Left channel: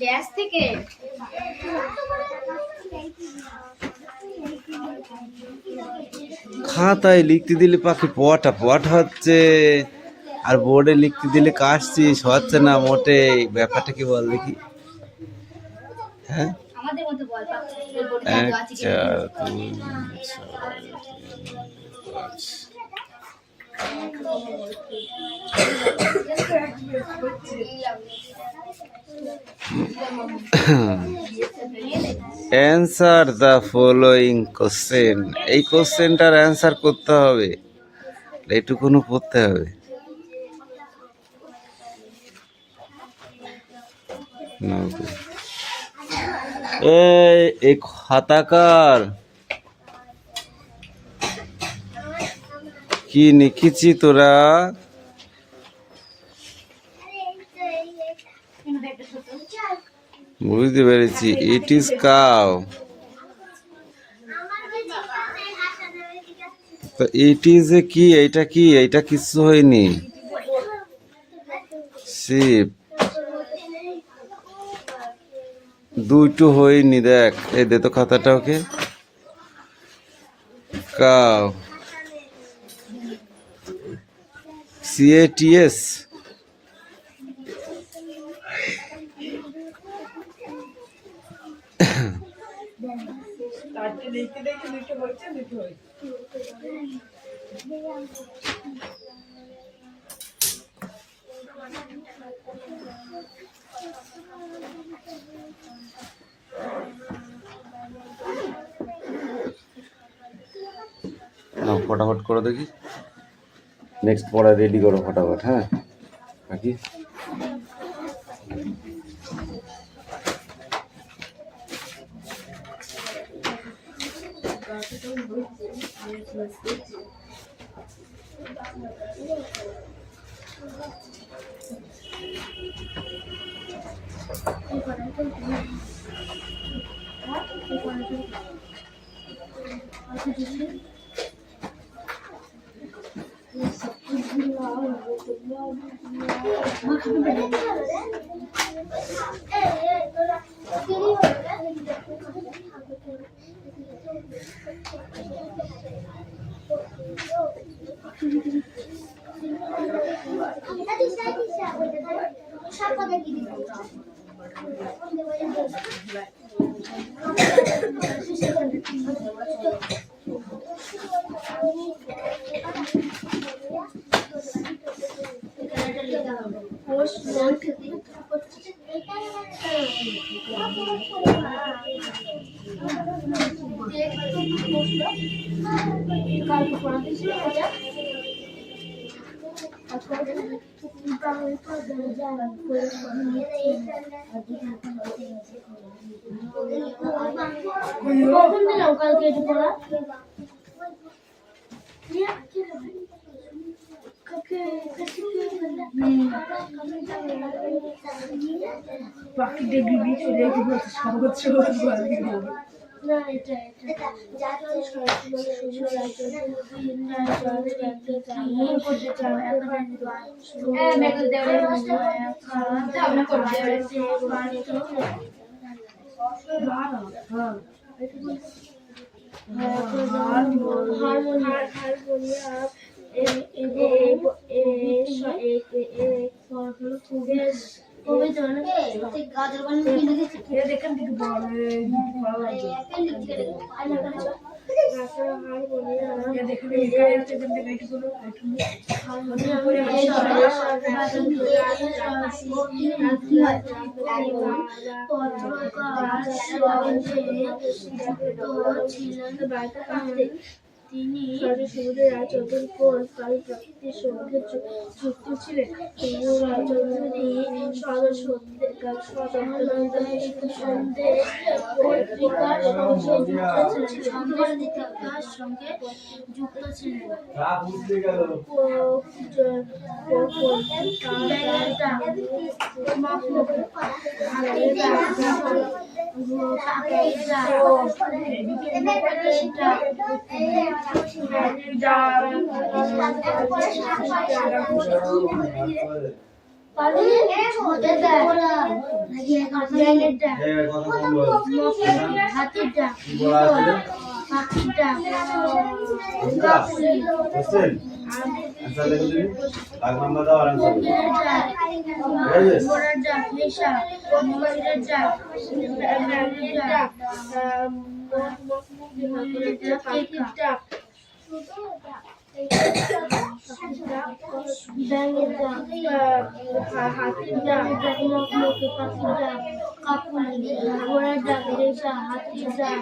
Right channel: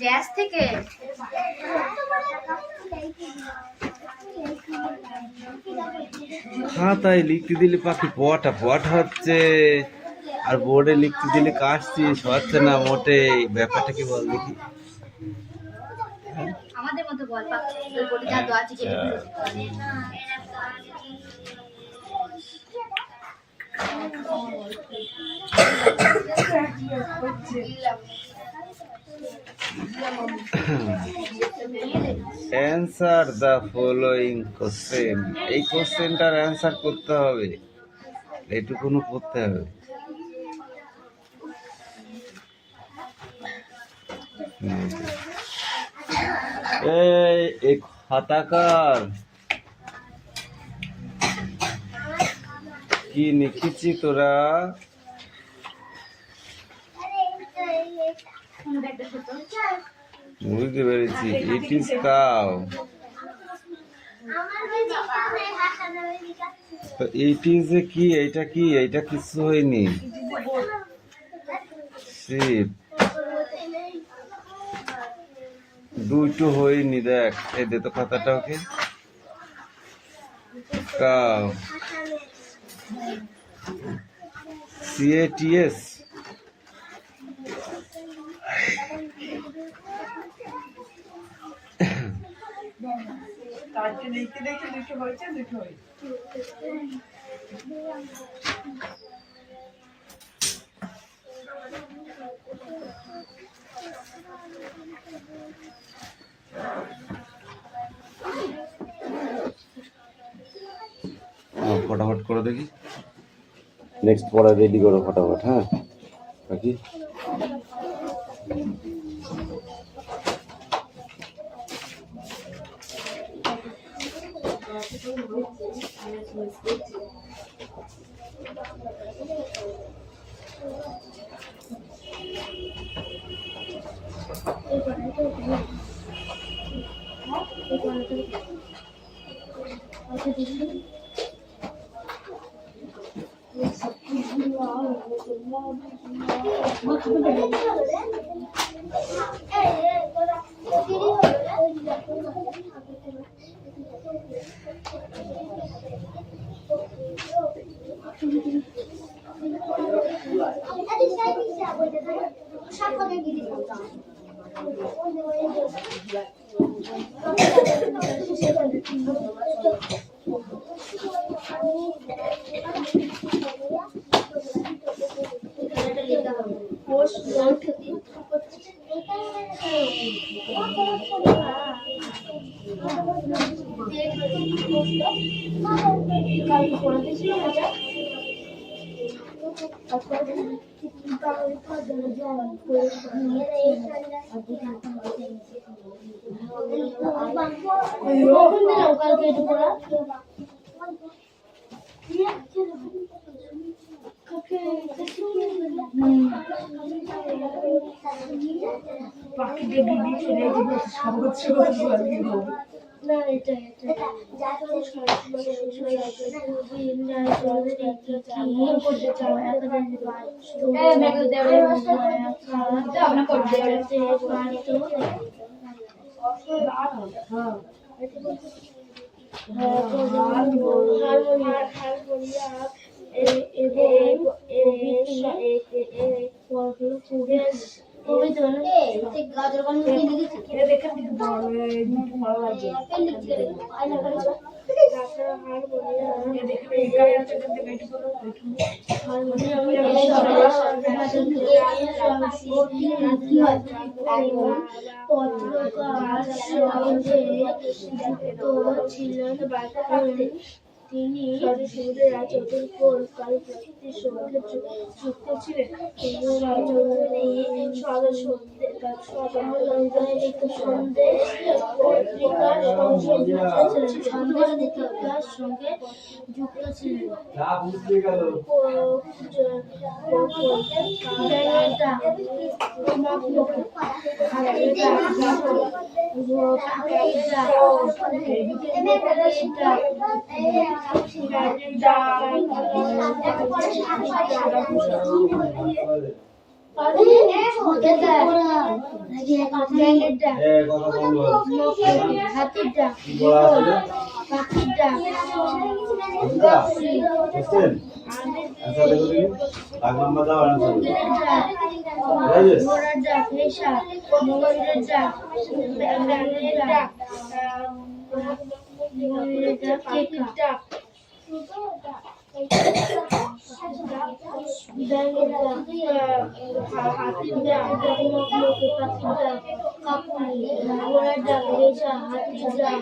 Dash থেকে খাতায় লিখতে দিলে পাখি পটা পট হচ্ছে, আর বোর্ডে লিখতে দিলে কাটছিস হচ্ছে না মোটে। ব্যাপারটা কি বল দেখি? হ্যাঁ আমাদের মতো বল আচ্ছা অ্যান্সার দ্য ফলোয়িং কোশ্চেন। এই কোশ্চেনটার অ্যান্সার করতে হবে, এইটুকুনো পড়তে হবে। এই খাতাকার কি লিখেছি তোরা? বুঝতে পেরেছি, ইট ইজ কাউ। তো ইট ইজ এ কি? এইটা কি? এইটা কিছু হয়নি। শিপ দুটো হয়নি, দেখ এই দে তো খাতাটা ওকে। কাউ CATS ফটাফট করো দেখি, নেক্সট পড়া রেডি করো ফটাফট। হ্যাঁ বাকি তিনি সমুদ্রের রায় চতুর্থ কালী প্রকৃতির সঙ্গে যুক্ত ছিলেন। তিনি রাজধানী পত্রিকার সঙ্গে যুক্ত ছিলেন। ব্যাঙের ডাক, কথা কম বল। হাতির ডাক, কি বলা আছে? পাখির ডাক, বুঝছেন? আচ্ছা দেখুন ভাগ নাম্বার দাও আনসার। কোকিলের ডাক, বুঝেছিস? ঘোড়ার ডাক, হেসা, ময়ূরের ডাক, ব্যাঙের ডাক, ময়ূরের ডাক, পাখির ডাক, ব্যাঙের ডাক, হাতির ডাক, মকমকে, পাখির ডাক, কাকুলি, ঘোড়ার ডাক, রেশা, হাতির ডাক,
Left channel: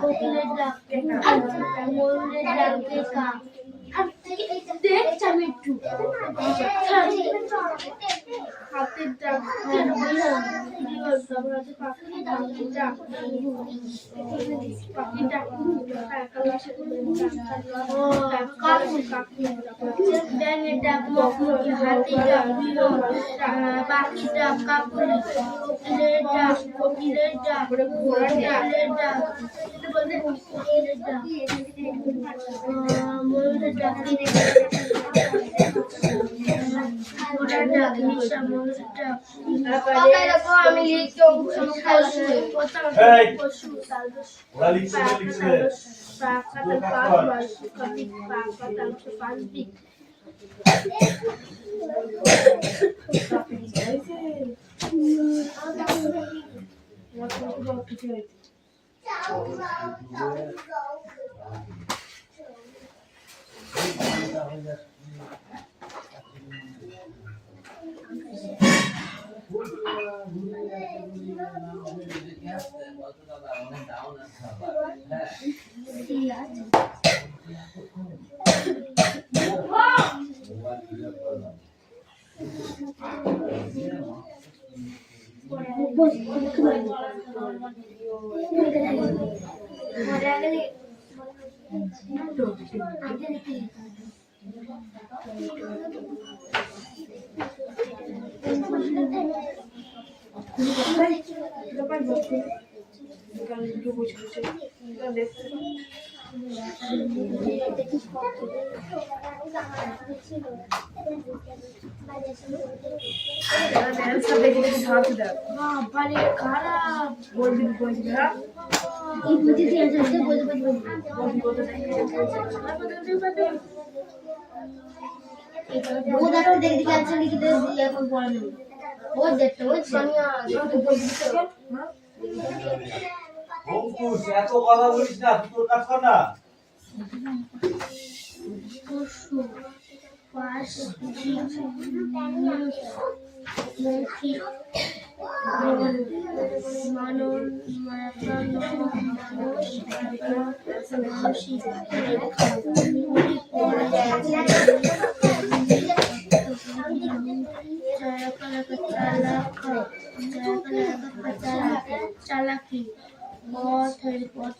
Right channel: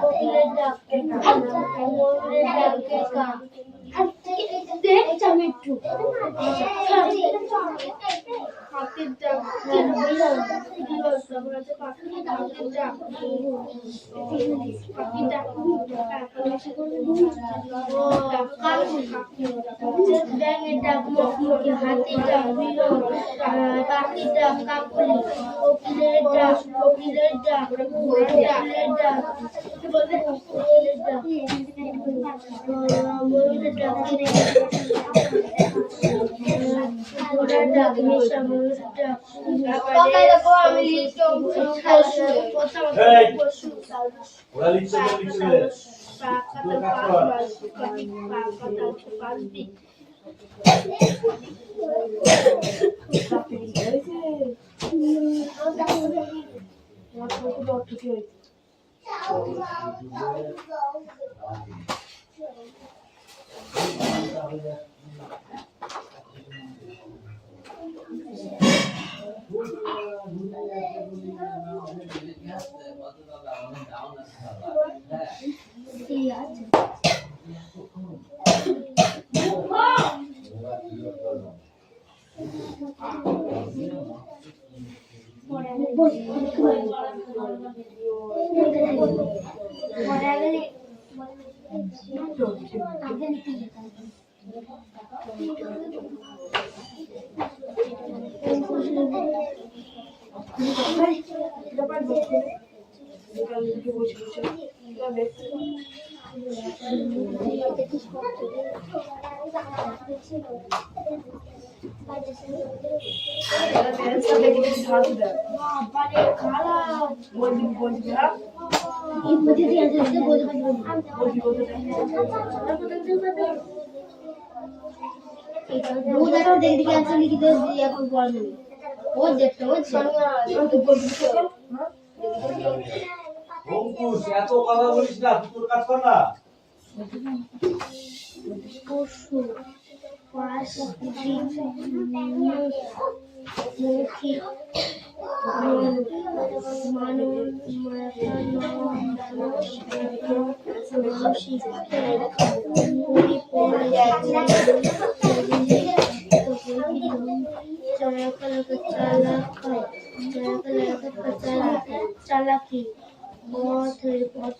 কোকিলের ডাক, ময়ূরের ডাক, কেকা। দেখছি আমি একটু হাতির ডাক, বিড়াল, তারপর আছে পাখির ডাক, পাখির ডাক, ব্যাঙের ডাক, মকমকি, হাতির ডাক, বিড়াল, পাখির ডাক, কাকুলি, কোকিলের ডাক, ঘোড়ার ডাক, কোকিলের ডাক, ময়ূরের ডাক, ঘোড়ার ডাক, হেসা, ময়ূরের ডাক, আমি পশু, ওরা লিখছে বাবারে খারাপ অঙ্কুশ এত কথা বলিস না, তুই তোর কাজ কর না। পশু, পাখি, চালাকি, পথের পথ,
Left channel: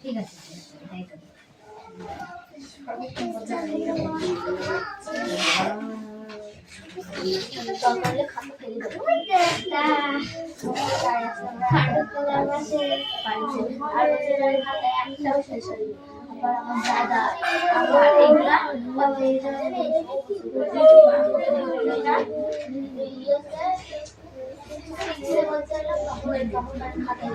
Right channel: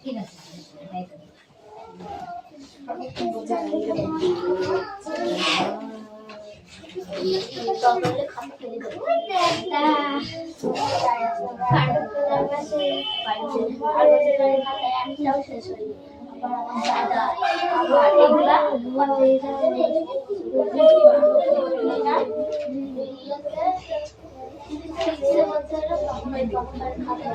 ঠিক আছে একটাও শেষ হয়নি আবার এইগুলা খাতা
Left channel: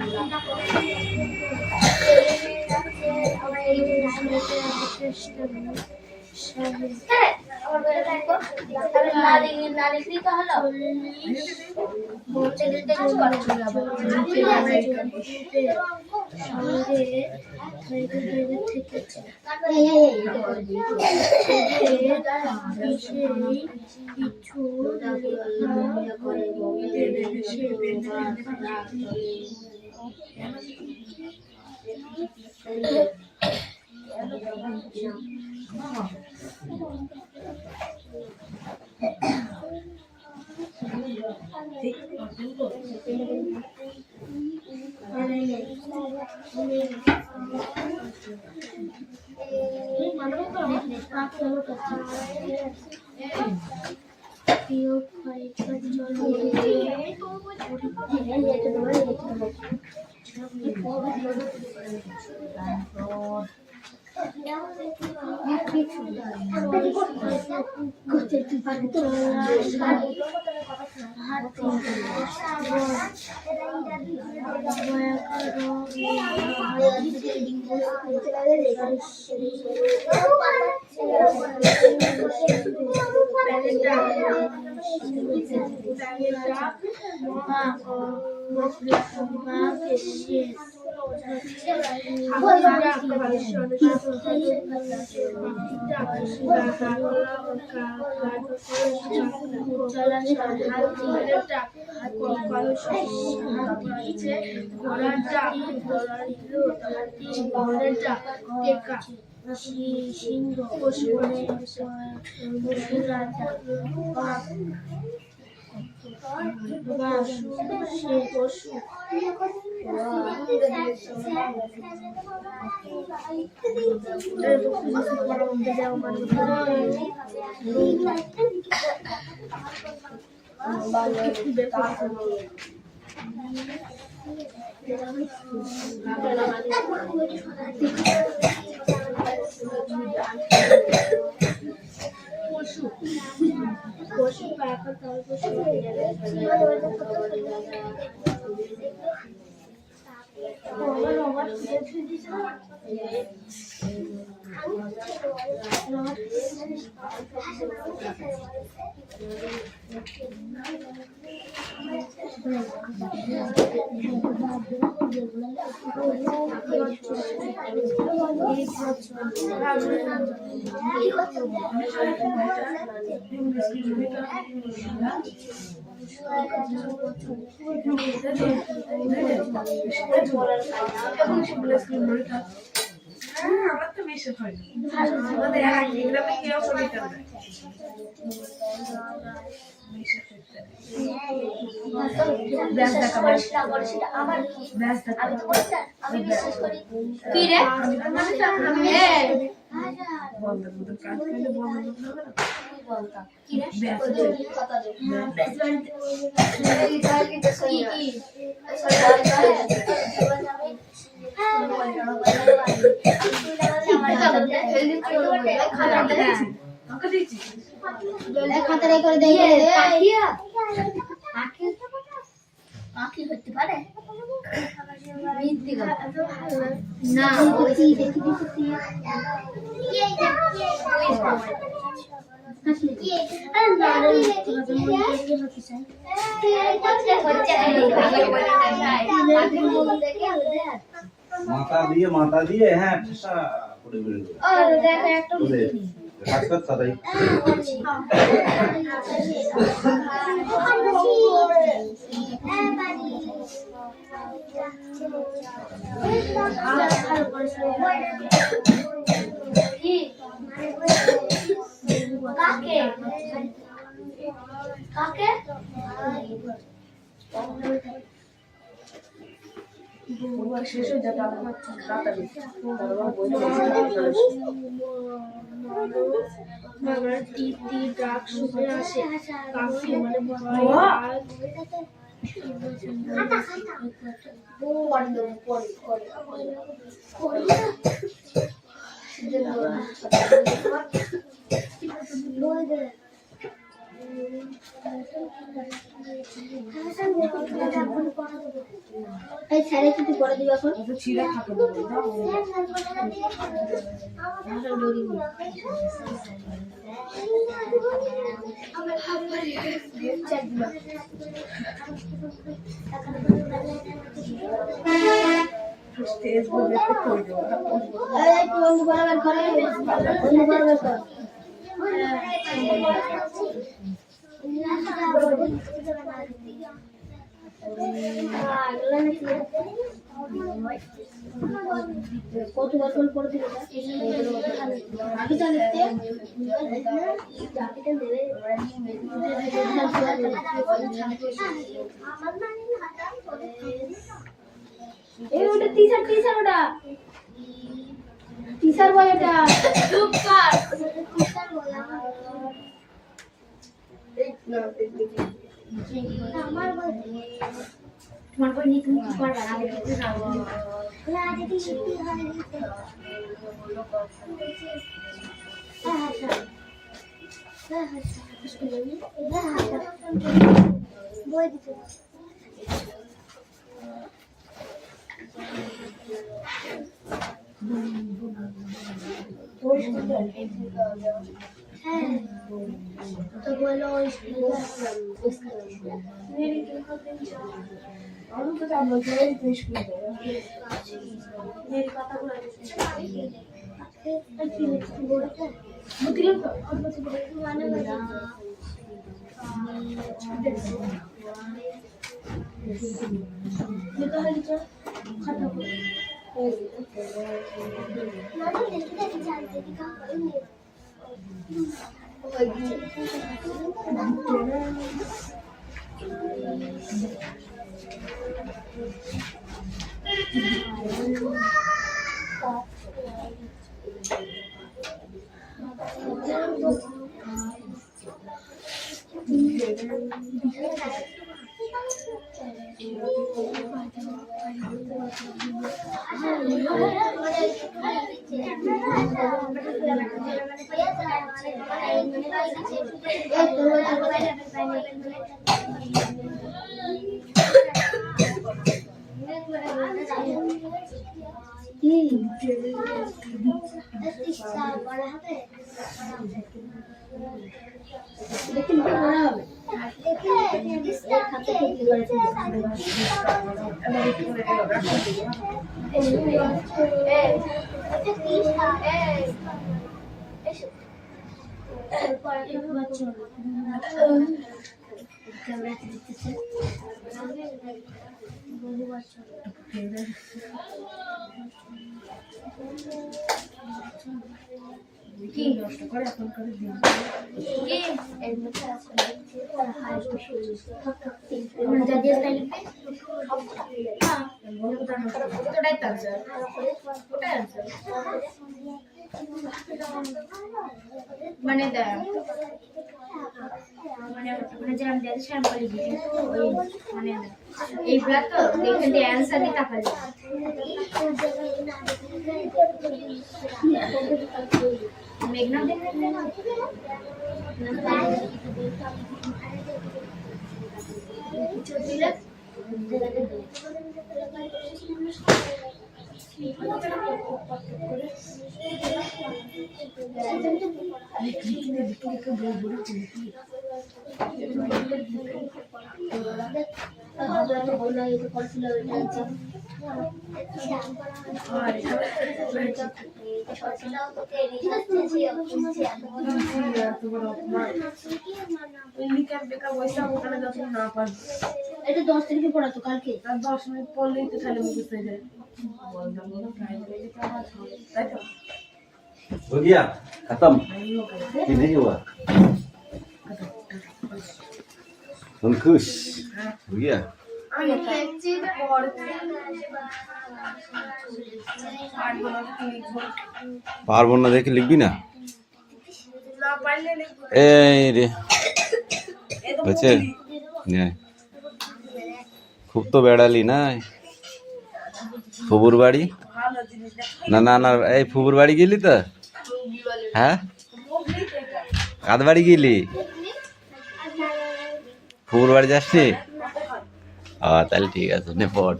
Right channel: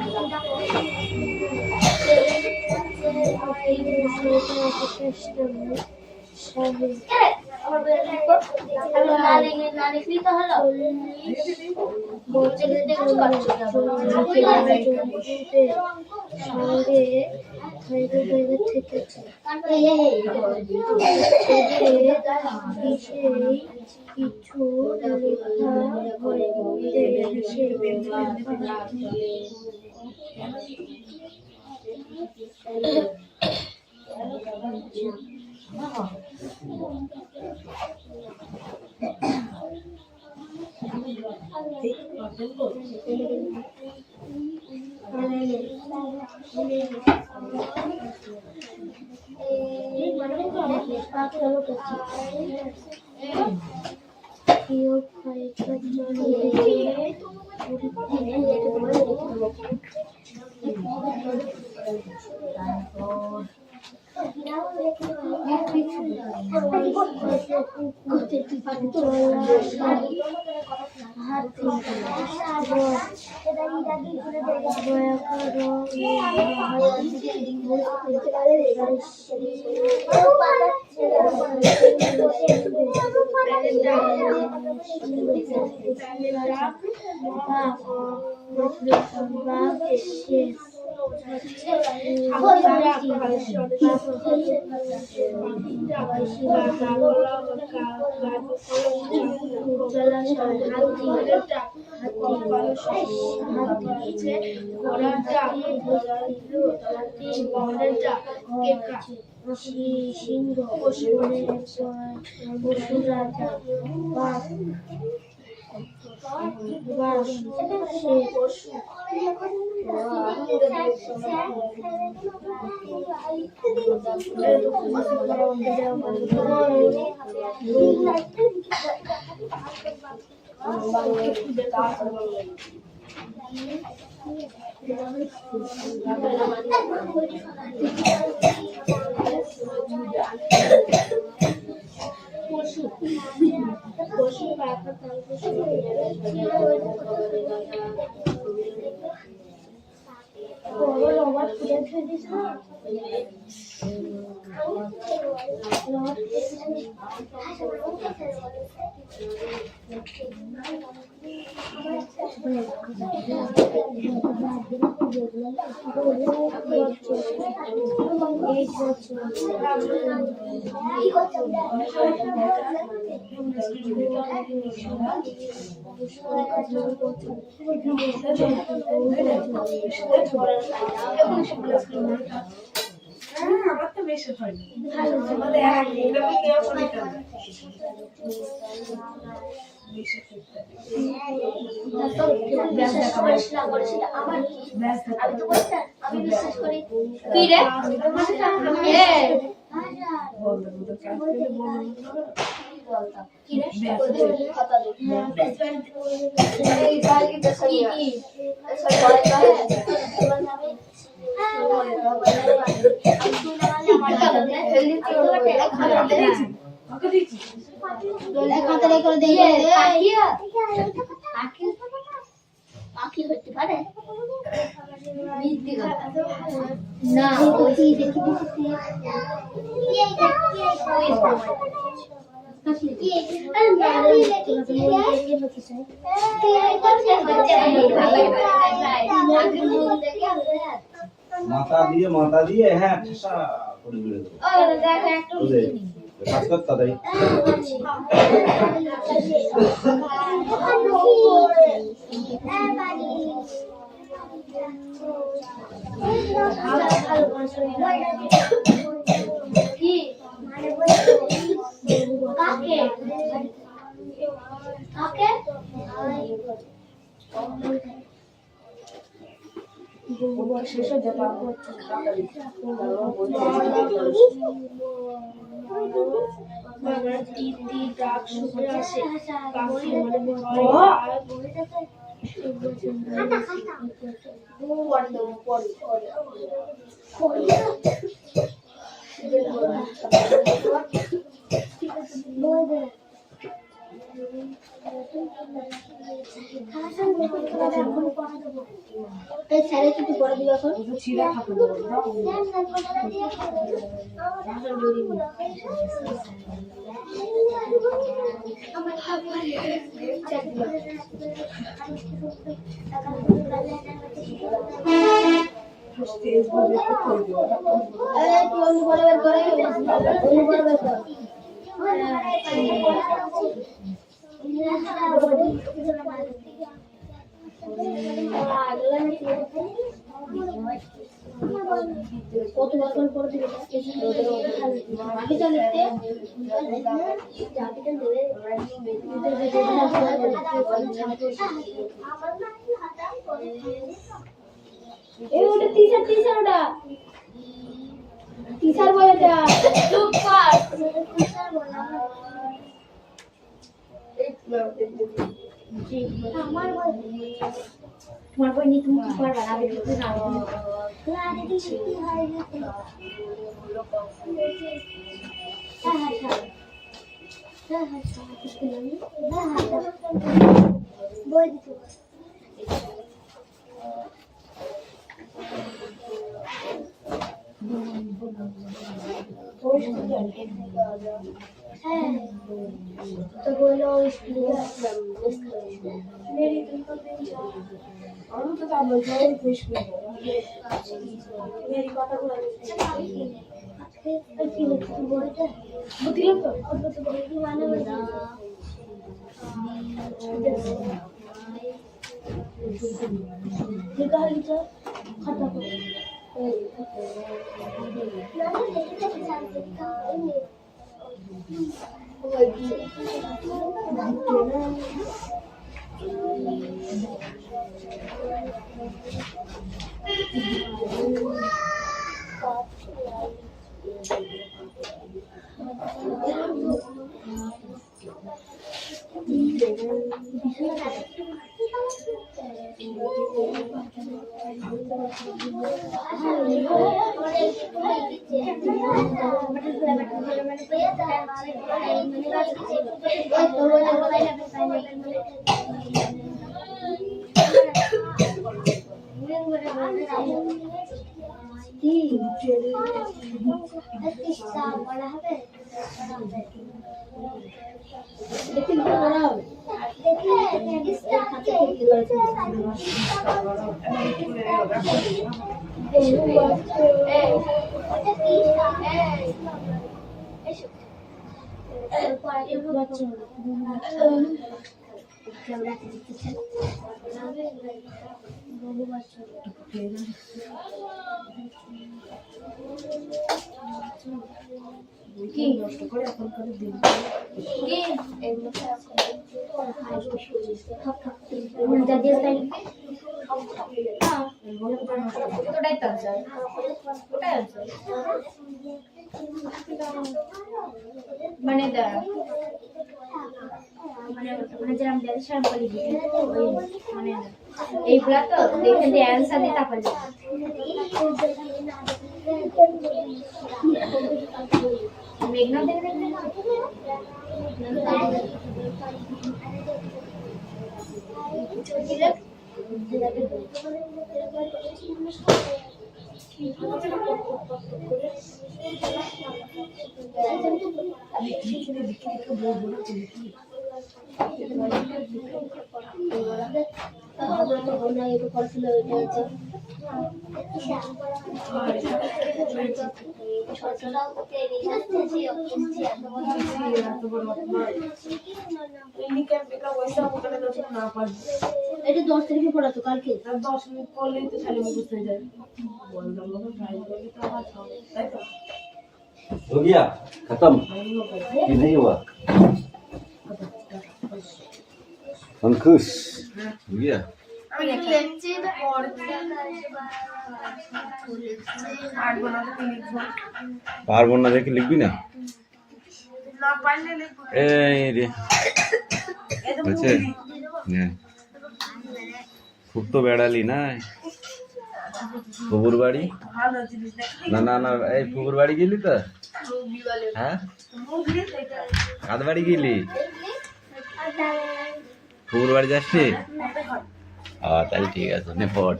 মাথা দিয়ে হ্যাঁ ঠেসা করে বের করে কাজ কর তাড়াতাড়ি এই ছেড়ে কিছু করে দিবে এখন কত বছর করে দিবে ওটা টিচার টিচার ওটা টিচার বলে এটা চুপ কর টিচার বলে আমার বই তোমার বই নিয়ে তুমি কি করবে আগে কিছু না আগে কি শিখতে হয় যেতে বই দিতে तो बोलो मेरी तो आप लोग मेरी बात बोलते और बच्चे बोलते आने वाला ये कहा कि खाता को ना देखी देखी जानते दिखाओ কি নষ্ট করে এখন করে দিন কি এর মধ্যে আছে মানে যা দিয়ে লিখবে হ্যাঁ ওটাই তো आंसर ওটাই आंसर মানে দাঁড়া মানে যে আমরা দেশের বলি ওই মানে এইগুলা তো দেখে দিয়ে आंसर দিতে পারবে मेघना देखने में ना जो तिलक আমরা তো বললাম এই করছিল এটা আছে এটা 10 তারিখে পড়াতো কালকে আর 10 মিনিট পড়লেই তো খালি মুখস্থ হয়ে যায় বলতাম না ট্রাই করলে তো আমার হবে তাই তো हो गया खत्म कि नहीं हुआ हम खुश हो गया আমি লিখছি পারবো না দেখে লিখবি না না পারলে লিখবো এই রে আচ্ছা খুব তো বেড়ালি না ফুবুর বাড়ি না না না এই ফুবুর বাড়ি গেলি তো হ্যাঁ কাদ বাড়ি গেলি ফুবুর বাড়ি যাচ্ছি তাহলে ঠিক আছে নে পড়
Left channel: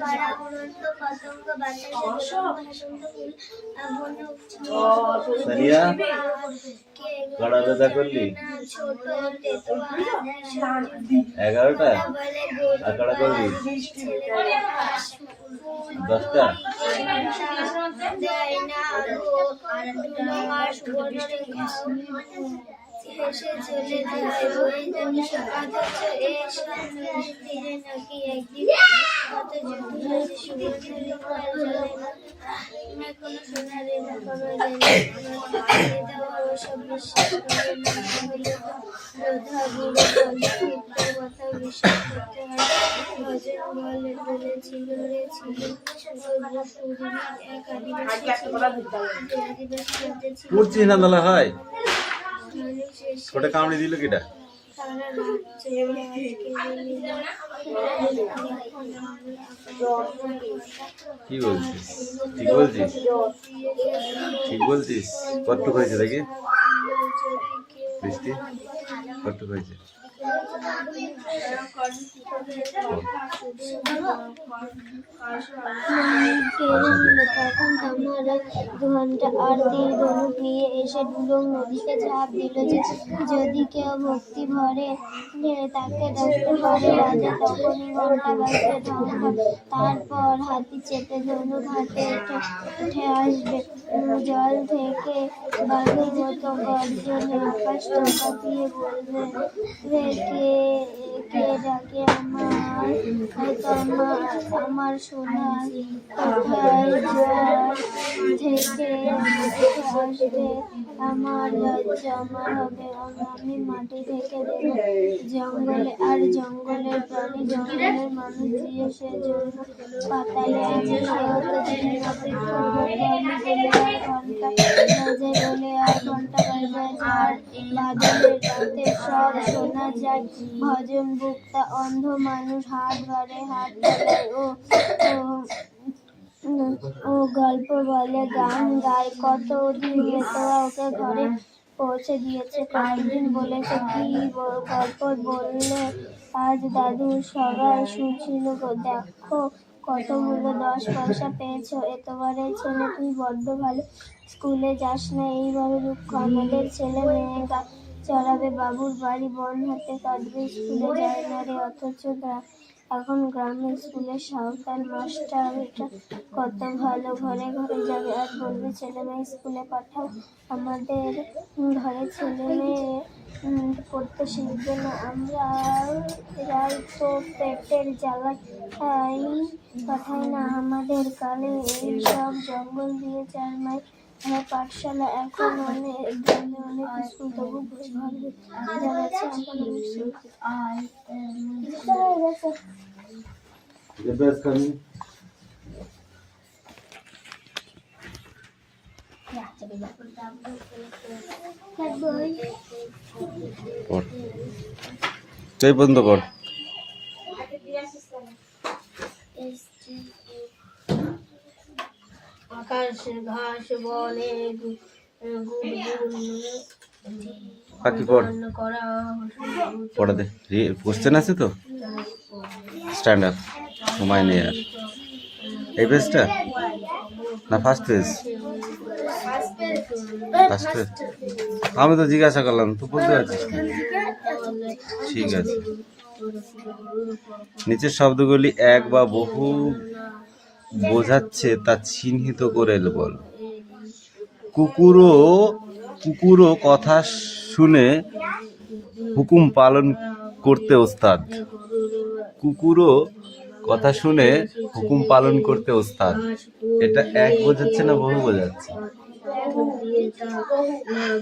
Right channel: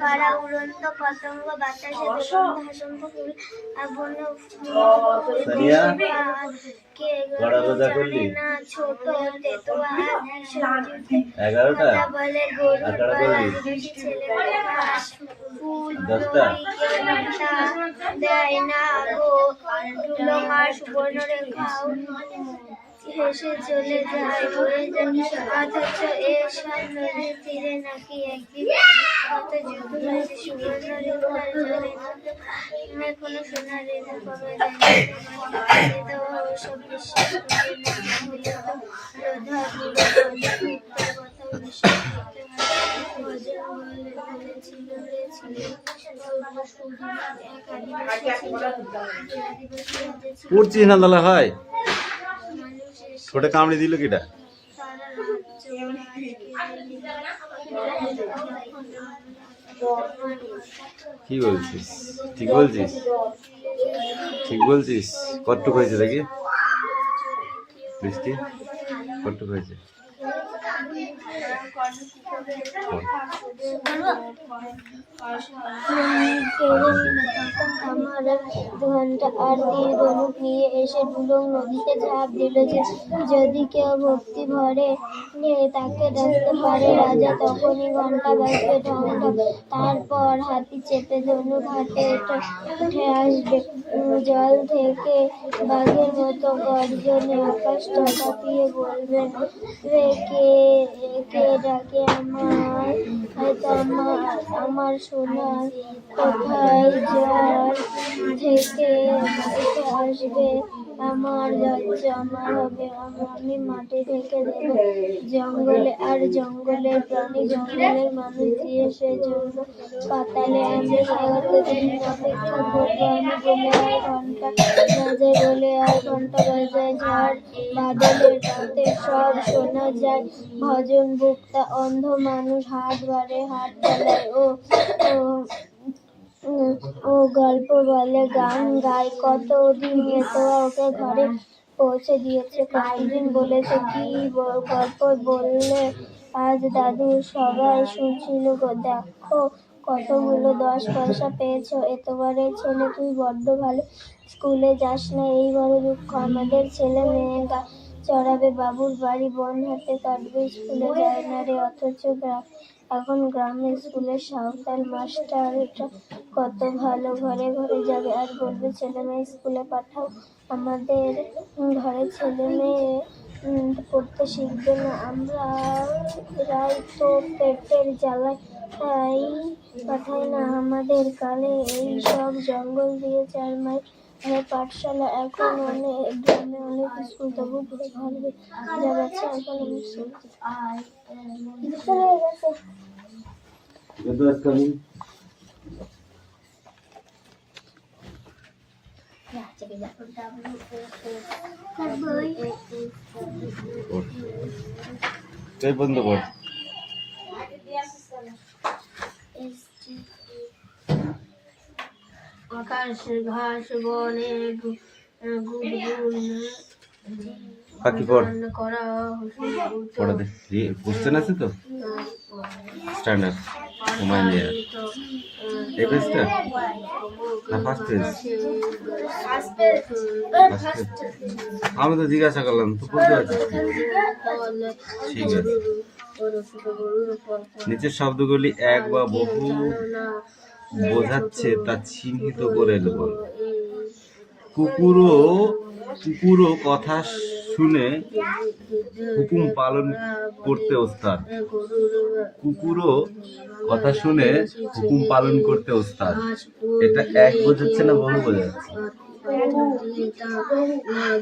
কারা উড়ন্ত পতঙ্গ বাতাসে ভাসন্ত ফুল বন সানিয়া কে কড়া রোজা করলি না ছোট তেতুয়া 11টা বলে গরু আর কড়া করলি ছেলে ফুল 10টা দেয় না গো ধুলো মার সুবর্ণ রেখাও হেসে চলে যায় বয়ে যায় অথচ এসব নদীর তীরে নাকি একদিন কত যুদ্ধ হয়েছে সুবর্ণ রেখার জলে না কোনো সোনা রেখা কমে দেয়নি দেওয়া ওসব বিশ্বাস করে না হলে তো যোধা বুড়ো বন্ধুর কথা বিশ্বাস করতে হয় ভজন বলে বলেছিল রে ছিল এক আদিবাসী ছিল আদিবাসী রাজা ছিল পড়ছিস না দালা হয় মানুষ এসে ছোটে কামড়ি দিল কিটা তারা রাজ্য কি বলছিস ঠিক বলছিস ঠিক বলছিস কতটুক হয়েছে দেখি বৃষ্টি কতটুক হয়েছে প্রথম আমার 2 ঘন্টা আর তীর ধনুক নিয়ে এসে ডুলুং নদীতে ঝাঁপ দিল যে যদি কেউ ভক্তি ভরে তাকে ডাকতে পারে রাজা তখনই ঘন্টা বাজবে ঢং ঢং তারপর হাতি চেপে ধনুক হাতে উঠে আসবে জল থেকে বাঘের মতো গর্জনে আকাশটা কাঁপিয়ে বলবে রে কে কে ডাকে আমার সোনা কোথায় যার থেকে উঠে আসবে আমার লজ্জা আমার হবে আমি মাটি থেকে দেব জঙ্গলে আর জঙ্গলের প্রাণী জঙ্গলের মানুষ দিয়ে সেজন্য পাতালে আমি কতদিন অপেক্ষা করবো আমি বলে আর ঘন্টা বাজে বলে আর ঘন্টা বাজায় ঝাড় বাদলের রাতে সব শোনা যায় ভজন ভুক্তা অন্ধ মানুষ হাত বাড়ে হাত চালায় ও গল্প বলে গান গায় কতদিন নেতোয়া ওকে ঘরে পৌঁছে দিয়েছে কয়েকদিন বলেছে কি গল্প বললে আজ দাদু সবাই শুনছিল গো দেখো কতগুলো 10 পয়সা পেয়েছো এতবারের ছেলে তুই বড্ড ভালো স্কুলে যাস না এই বড় দুঃখ আমাদের ছেলে মেয়ে চড়াবে বাবুর বাড়ি বন হাতে কাটবে স্কুলে যায় না রে অথচ এখন গ্রামের স্কুলের সাঁওতাল মাস্টারটা কত ভালো ঘরে ঘরে যাবে আর বলবে ছেলে মেয়ে স্কুলে পাঠাও আমাদের ঘরে ছেলে মেয়ে পড়তে শিখবে না আমরা রাই তো পেটের জ্বালায় পাঠাই না আমাদের কালে এই সব জঙ্গল দিয়ে 4 মাইল পাঠশালা এখন অনেক গ্রামে অনেক স্কুল তবু ঘরে ঘরে যা গেছে এখন অনেক স্কুল চলে গেছে চাই বন্ধ কর আকাশ ঘাস বনে বাকি পড় পড়া দে কোশ্চেন আছে তো স্ট্যান্ড আপ ঘুমায় নিয়ে এই পেজটা না ফার্স্ট পেজ আমি তো জিজ্ঞাসা করলাম তুই পড়তে পারছিস ঠিক আছে নিচের শব্দগুলি এক বা বহু বোঝাচ্ছে তা চিহ্নিত করে বল কুকুরও কথা শুনে হুকুম পালন করতে ওস্তাদ কুকুরও কথা শুনে হুকুম পালন করতে ওস্তাদ এটা এক বোঝাচ্ছে না বহু বোঝাচ্ছে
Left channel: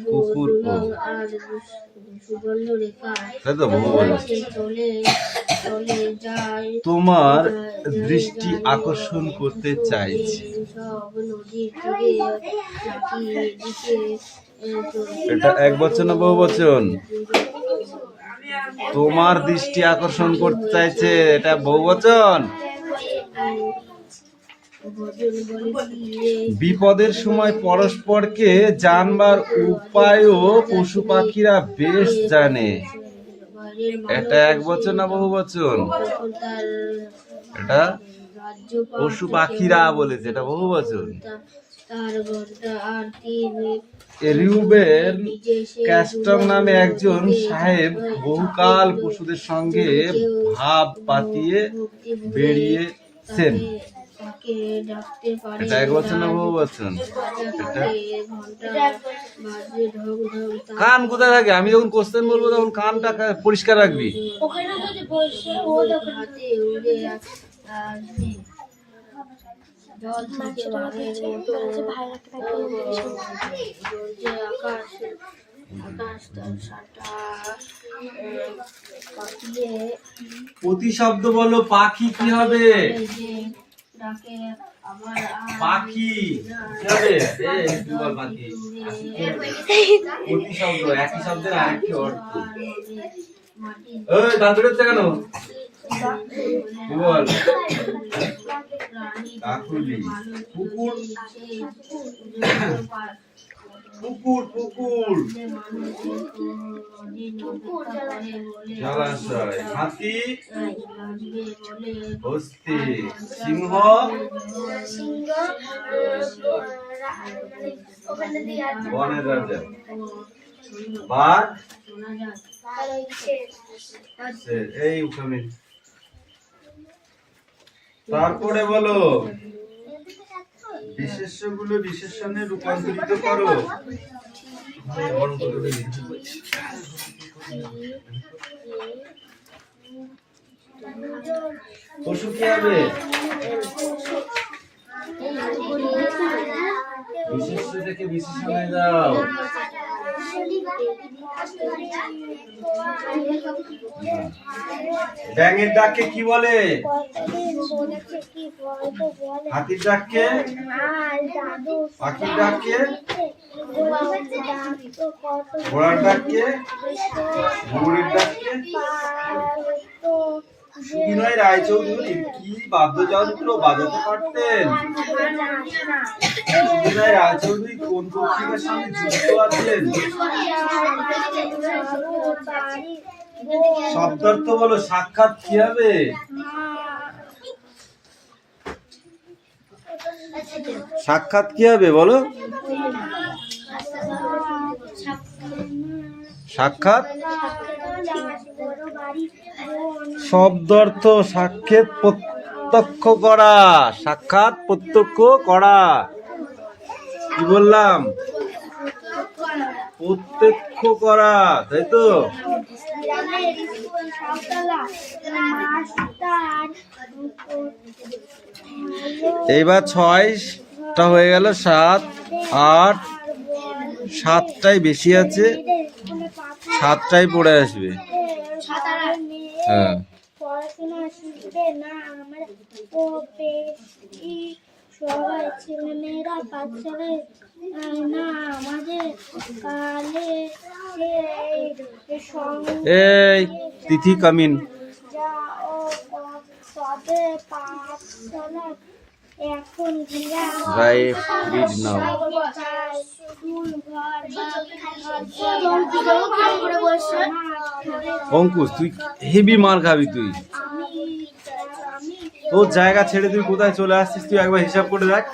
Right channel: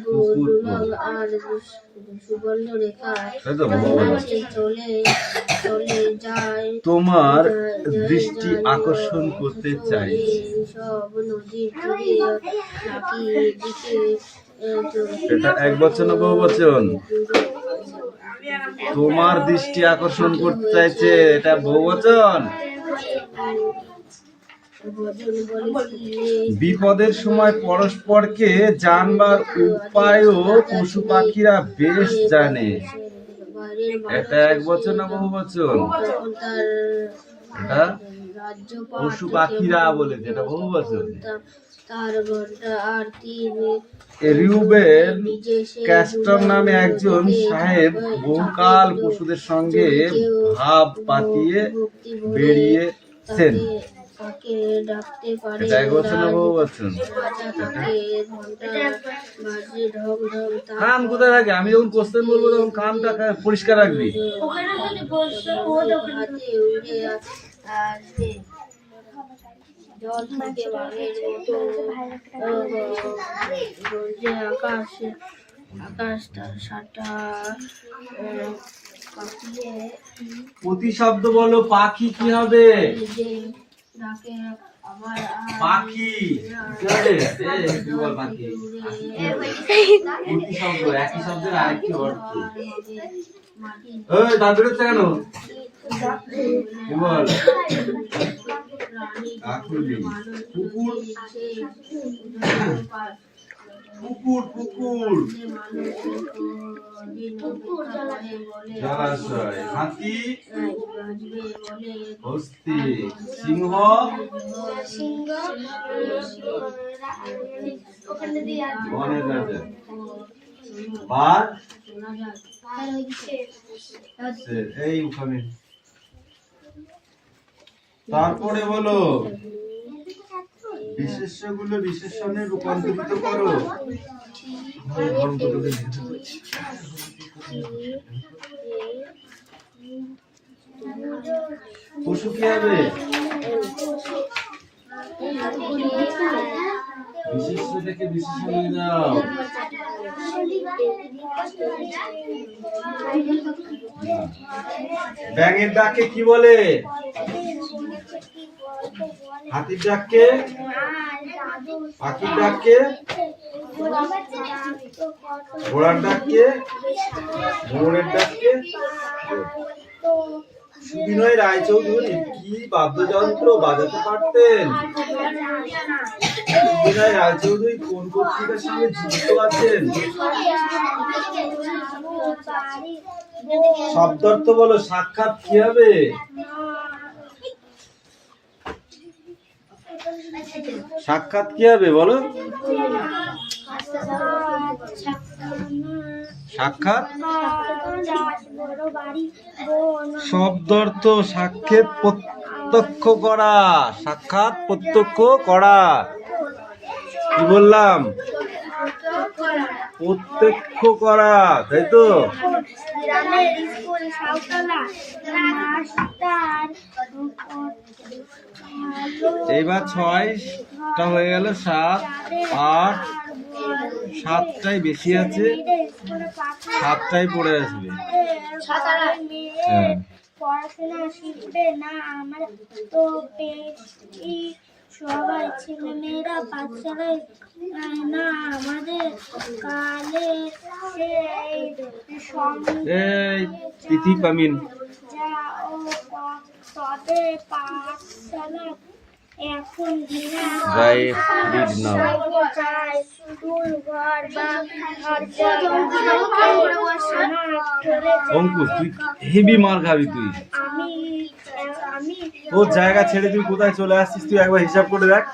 কুকুর তোমার দৃষ্টি আকর্ষণ করতে চাইছে এটা এক বচন না বহু বচন তোমার দৃষ্টি আকর্ষণ করতে চাইছে এটা বহু বচন বিপদের সময় পরস্পরকে জানবার উপায়ও পশু পাখিরা বেশ জানে এটা এক বছর না বহু বছর? তখন তার এটা রাজ্য পশু পাখিরা বলেছে, এটা বহু বছর। তার ঘন্টা আর তিনি রিউবেন ক্যাস্টর নামে একজন সাহেব বহুকাল পশুদের সঙ্গে ভাব পাতিয়ে বেরিয়েছেন। তাকে ডাকতে পারে। এটা এক বছর না বহু বছর? রাজা তাকে ঘন্টা বাজে ঢং ঢং কান কোথায় থাকে? আমি যখন কোশ্চেন বলবো তখন কানটা পরিষ্কার রাখবি। হাতে উড়ে আসবে। জল থেকে বানের মতো গর্জে আকাশ তার সাটা পাকিয়ে প্রতিশব্দ বলো, পাখি কি হবে? যে ডাকে আবার পাখি কি হবে? তুই বল পাখি। প্রতিশব্দ একই শব্দের আরেকটি অর্থ। এই দাঁত বেরোচ্ছে কেন? কি বল? কাকুলি। কুকুর কুকুর কুকুর জলাশয়। হাতি হস্তি। সিংহ বনের রাজা। বাঘ এই ওখানে। তারপরে বলো, বিশেষ্যগুলো বিশেষণে রূপান্তরিত করো। পশু কি হবে? বিশেষ্য থেকে বিশেষণে যাও। ব্যাঙের ডাককে কি বলে? হাতির ডাককে? পাখির ডাককে? ঘোড়ার ডাককে? মোরের ডাককে? সুবিনয় রায়চৌধুরী কি বাদ্যযন্ত্র বাজাতে পারতেন? সুবিনয় রায়চৌধুরী কোন পত্রিকার সঙ্গে যুক্ত আছেন? শব্দার্থ বলো, সাক্ষাৎ কি হবে? সাক্ষাৎ কি হবে বলো? সাক্ষাৎ শব্দার্থ সাক্ষাৎ প্রত্যক্ষ করা। সাক্ষাৎ প্রত্যক্ষ করা। কি বললাম? প্রত্যক্ষ করা, তাই তো? এইবার 6টা হয়ে গেল, 7, 8, 7টাই বেশি আছে, 7টাই পড়ে আসবে। হ্যাঁ, পড়াশোনা শিখবে না আমরা তো বেশি সবাই ছেলেমেয়েরা পাঠশালায় না আমাদের কালে এই তিথি কামিন যাও তবে পাঠশালায় এখন রাইট রিড নাও। অঙ্কুশ তুই হেভি মার খাবি তুই। তোর জায়গা ছেড়ে তুই কোথায় চলে আসছিস তুই একবার হিসাব করে দেখ।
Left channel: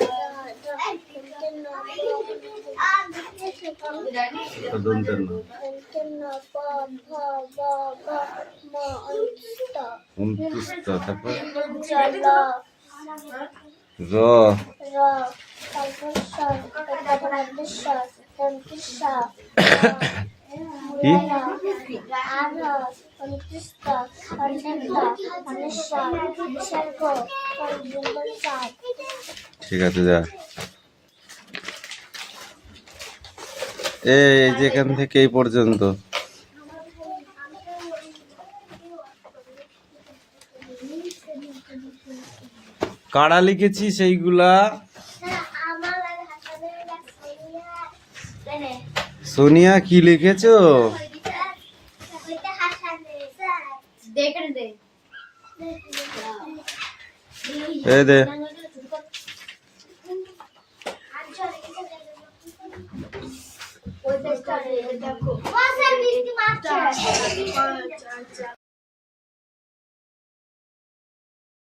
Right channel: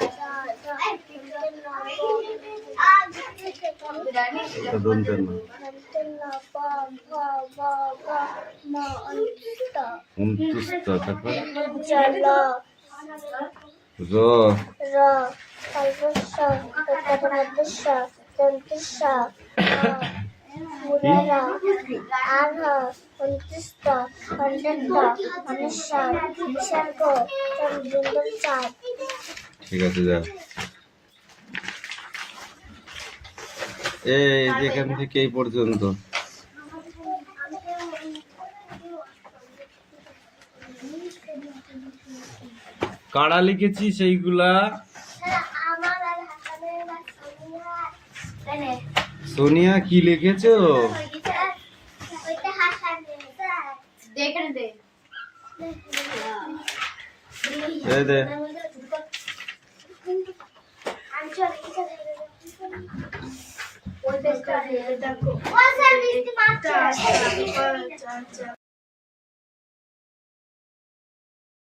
29টা, তারপর র ঠিক আছে যা। এই যেখান থেকে এই পর্যন্ত কারা লিখেছি সেইগুলা। সোনিয়া কি লিখেছো? এই দে। ওই